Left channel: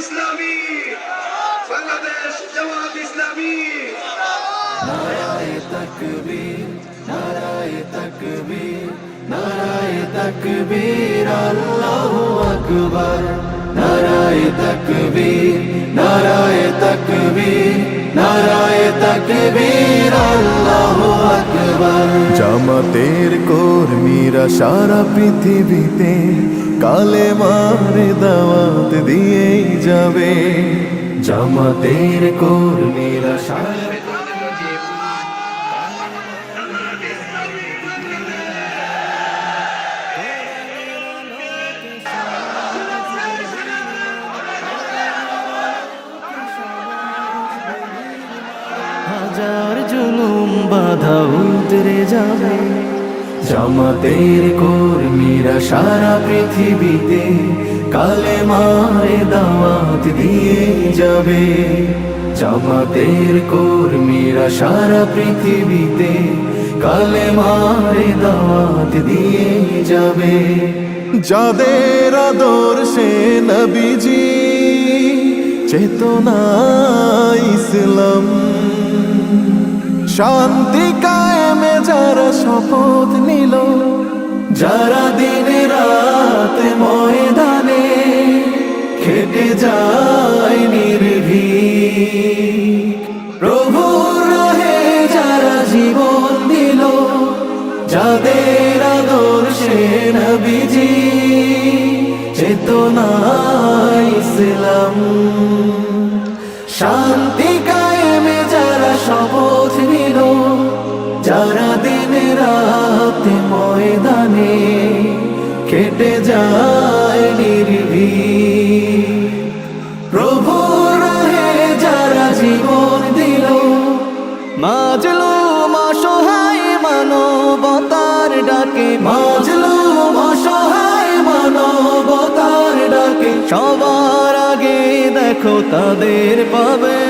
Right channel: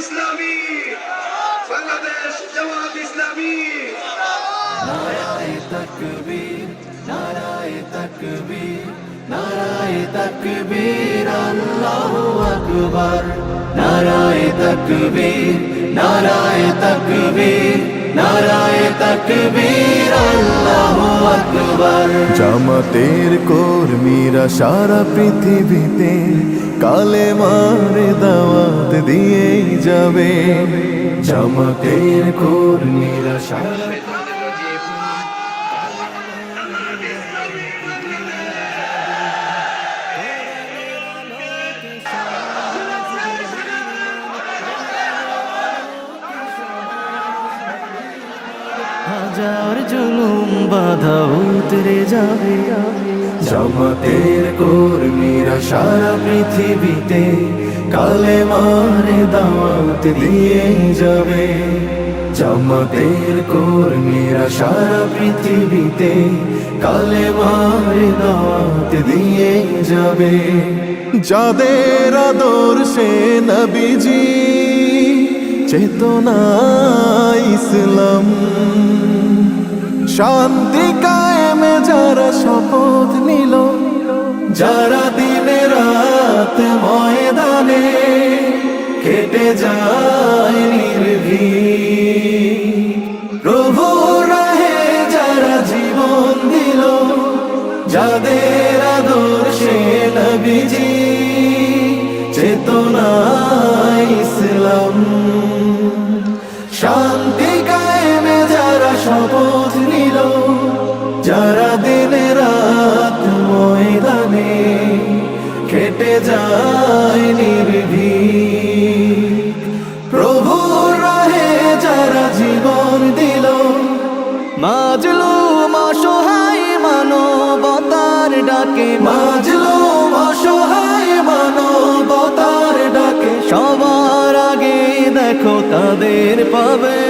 ইসলামী, বাংলাদেশ জামাত ইসলামী। নারায়ে তাকবীর, নারায়ে তাকবীর, নারায়ে তাকবীর, আল্লাহু আকবার। নারায়ে তাকবীর, নারায়ে তাকবীর, নারায়ে তাকবীর, আল্লাহু আকবার। জামাতের কর্মীরা সারা পৃথিবীতে কালেমার দাওয়াত দিয়েই যাবে। জামাতের কর্মীরা সারা হাজার জুলুম বাধা উতরে যাবে। জামাতের কর্মীরা সারা পৃথিবীতে কালেমার দাওয়াত দিয়ে যাবে। জামাতের কর্মীরা সারা পৃথিবীতে কালেমার দাওয়াত দিয়ে যাবে। যাদের আদর্শে নবীজি চেতনা ইসলাম, শান্তি কায়েমে যারা শপথ নিল, যারা দিনে রাত ময়দানে কেটে যায় নির্ভীক, প্রভুর রাহে যারা জীবন দিল, যাদের আদর্শে নবীজি চেতনা ইসলাম, শান্তি কায়েমে যারা শপথ নিল, যারা দিনে রাত ময়দানে কেটে যায় নির্ভীক, প্রভুর রাহে যারা জীবন দিল, মাজলুম অসহায় মানবতার ডাকে, মাজলুম অসহায় মানবতার ডাকে, সবার আগে দেখো তাদের পাবে।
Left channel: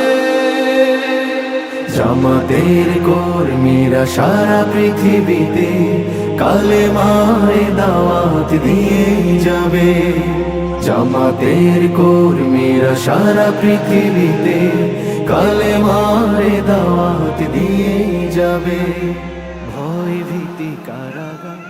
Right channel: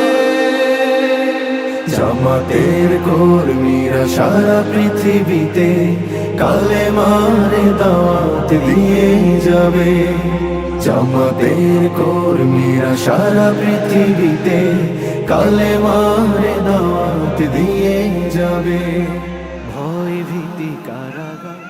জামাতের কর্মীরা সারা পৃথিবীতে কালেমার দাওয়াত দিয়ে যাবে। জামাতের কর্মীরা সারা পৃথিবীতে কালেমার দাওয়াত দিয়ে যাবে। ভয় ভীতি কারাগার